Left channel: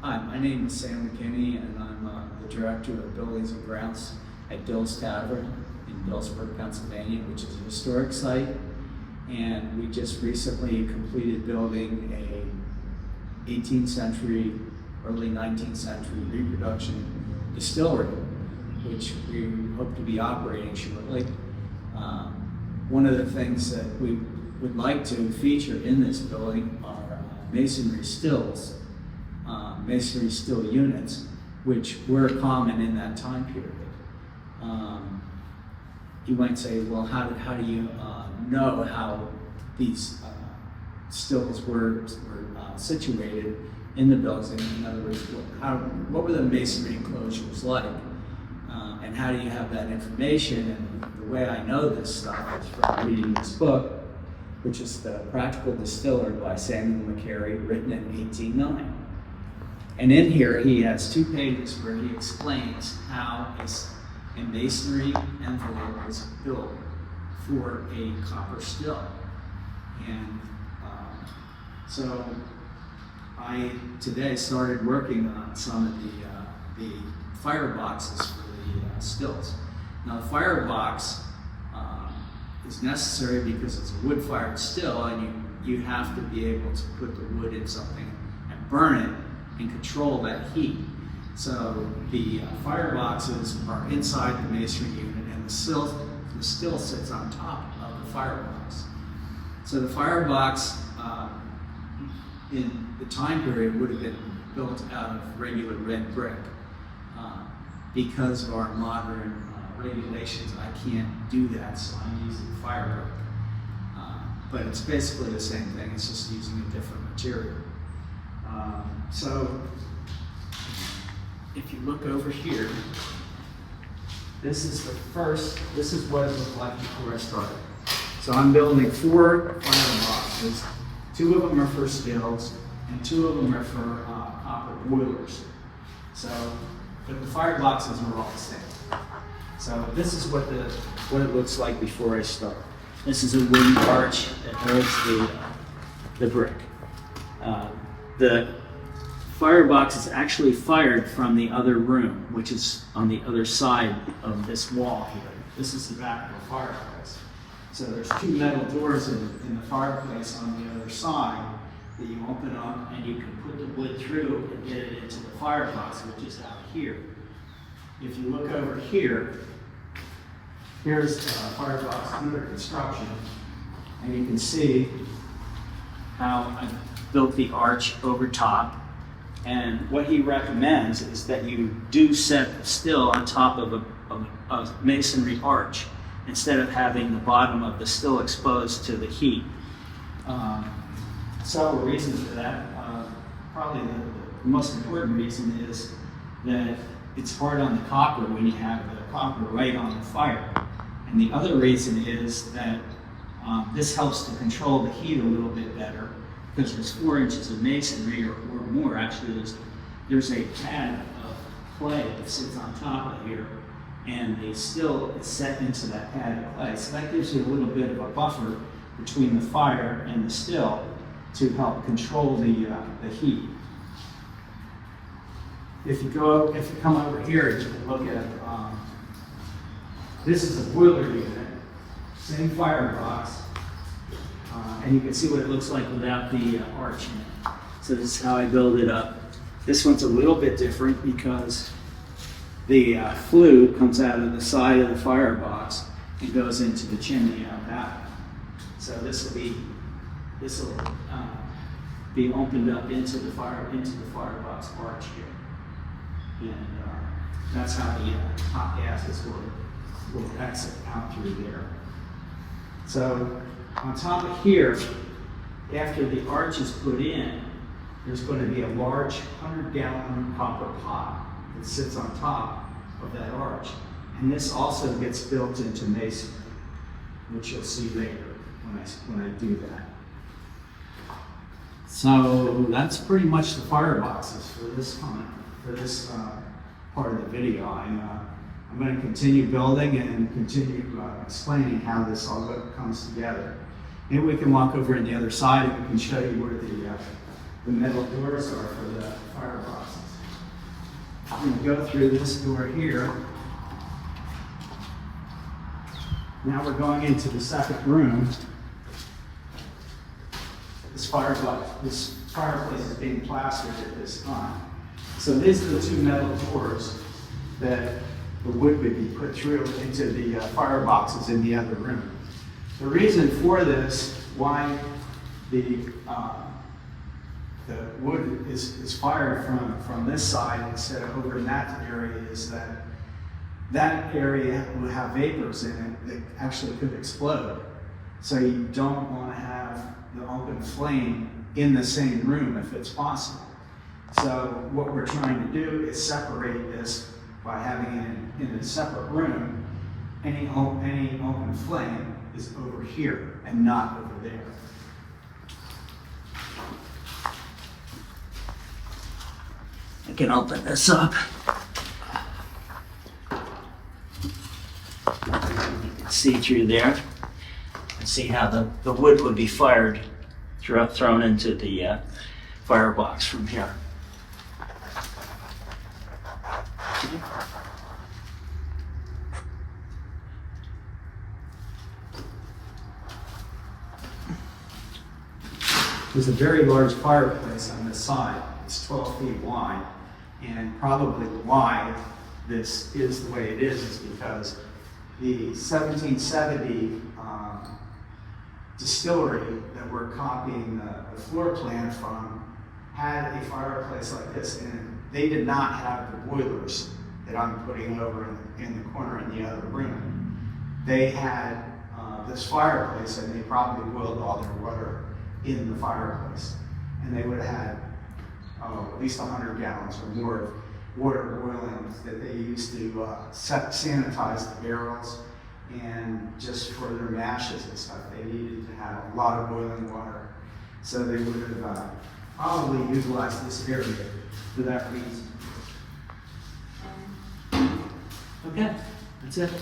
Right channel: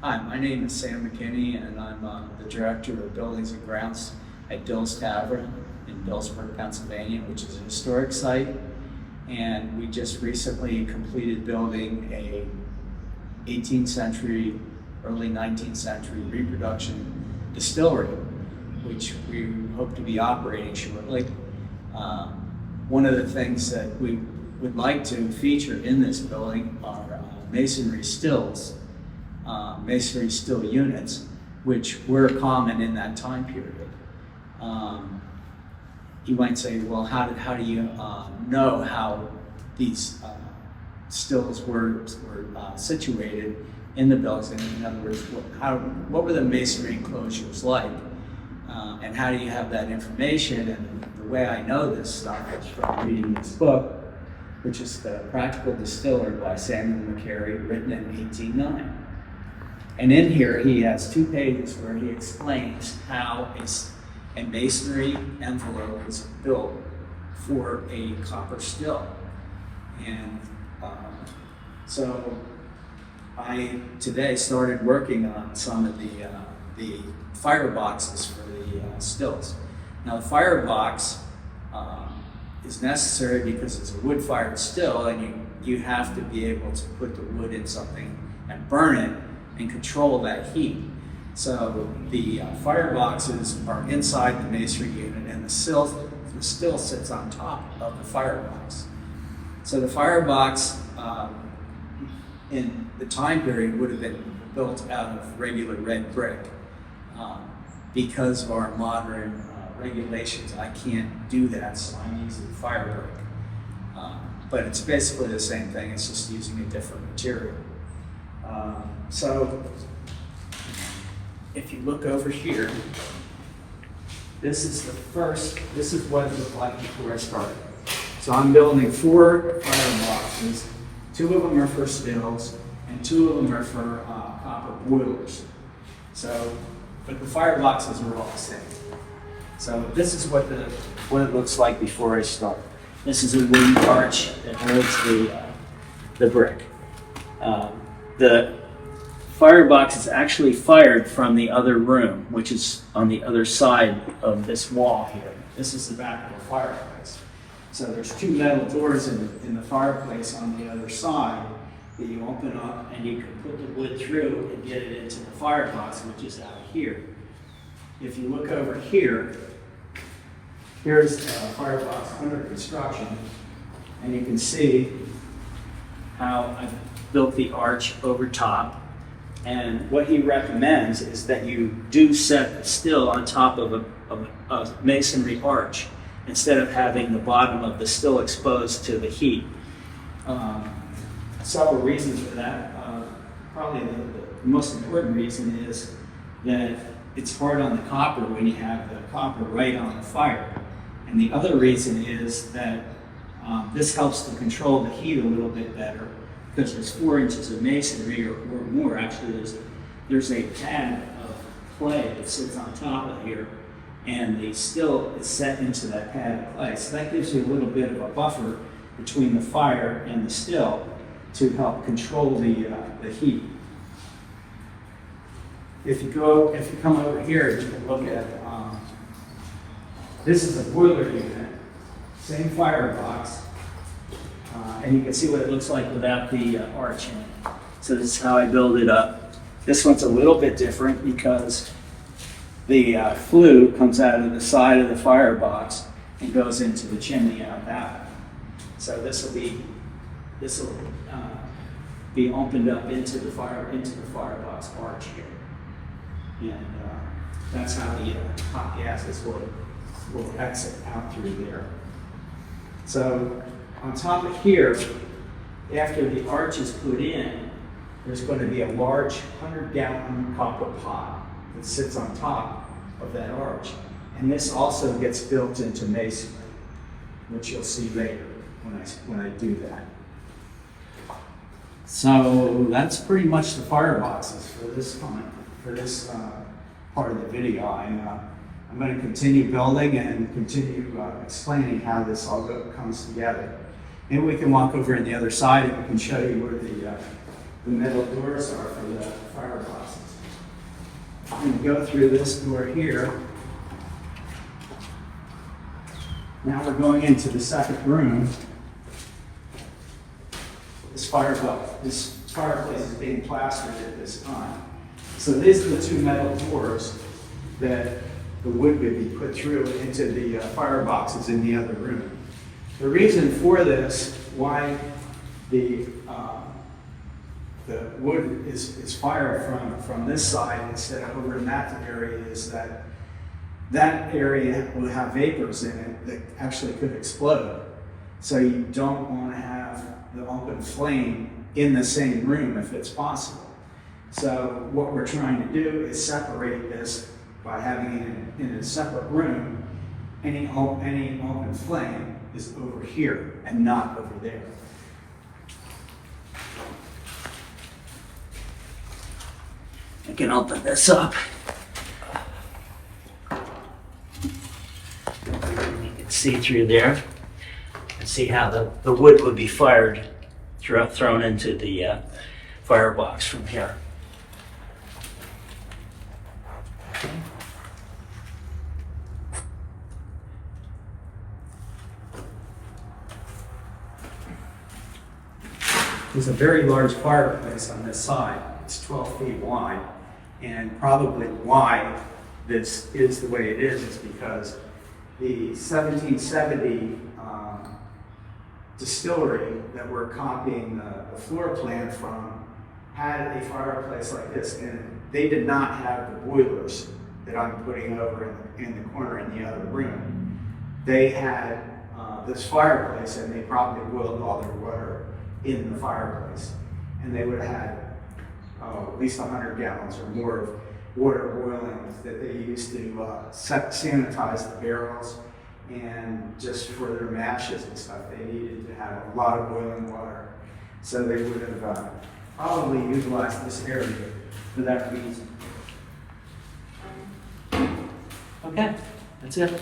Hi, my name is Sam McKinney, and I'm the Director of Buildings and Grounds at Dill's Tavern in Dillsburg, Pennsylvania, which is a historic site. And we just recently completed building a 18th century, early 19th century reproduction distillery, which we hope to be operating shortly. One of the things that we would like to feature in this building are masonry stills. Masonry still units, which were common in that time period. You might say, well, how do you know how these stills were situated in the buildings? In other words, what were the masonry enclosures like? And how do you have that information? And the way I know this stuff is from reading this book, which is The Practical Distiller by Samuel McCary, written in 1809. And in here, he has 2 pages where he explains how a masonry envelope was built for a copper still. And so I today started working on some of the fireboxes for the stills. Now, the firebox is necessary because it's a wood-fired still, and you have to be able to put the wood in something and burn it and control that heat. So the fireboxes are inside the masonry unit, and the still sits on top of the firebox. So the firebox in the time period would have been built out of regular red brick. Because of our modern regulations, I can't do that, so I'm using fire brick. But it's basically the same thing, it's just using a different material. So if you look over here, this is what it looked like before I started. So I'm building 4 fireboxes. 2 of them are for stills, and 2 of them are for copper boilers. But the fireboxes are all the same. So this is what it looks like before I start. This is a wooden arch that holds the brick. The firebox is actually fired from the other room, which is on the other side of this wall here. This is the back of the fireplace. So there's 2 metal doors in the fireplace on the other side that you open up, and you can put the wood through and get it into the firebox, which is out here. If you look over here, here's a firebox under construction, and you can see how I've built the arch over top. And what he recommends is that you do set the still on top of a masonry arch instead of having the bottom of the still exposed to the heat. Several reasons for that. Probably the most important reason is that it's hard on the copper when you have the copper right on the fire. And the other reason is that this helps to control the heat a little bit better, because there's 4 inches of masonry or more. Actually, there's a pad of clay that sits on top of here, and the still is set into that pad of clay. So that gives you a little bit of a buffer between the fire and the still to help control the heat. If you come over here, you can look at this is a boiler unit, same firebox. And you can see what it looks like without the arch in it. So this is how I build it up. This one's a little bit different because the flue comes out of the side of the firebox and goes into the chimney out that way. So this will be opened up into the firebox arch here, and that's how the hot gases will exit out through there. So on top of here, after the arch is put in, there's going to be a large 100-gallon copper pot that sits on top of that arch. And this also gets built into masonry, which you'll see later when I do that. So that's pretty much the fireboxes for this part of the video. I'm going to continue building and continue explaining how this all comes together. Maybe we can walk over on the other side and we can show you where the metal doors are for the fireboxes. I'm going to go through this door here. Now we're going into the second room. This fireplace is being plastered at this time. So these are the two metal doors that the wood would be put through into the fireboxes in the other room. The reason for this, why the wood is fired from this side instead of over in that area, is that that area will have vapors in it that actually could explode. So you don't want to have the open flame in the same room if it's possible. So what we're trying to do is separate this by having it in a separate room. Any open flame is over here and not over there. I can open this up. You can see through there and see how the wood would be fired, thrown into the firebox from here. Okay. There's a very large fireplace on this side. It's 12 feet wide, and probably why this is the way it is because the 1770 distillery that we're copying the floor plan from had a fireplace like this, and they did not have the boilers that I'm putting over in the corner in the other room. They had this fireplace, and they probably boiled all their water in the fireplace. And they would have had at least 100 gallons or more of water boiling that they used to sanitize the barrels, and just for their mashes and stuff, they needed to have a lot of boiling water. So they would have probably utilized this area for that reason. Okay, that's it.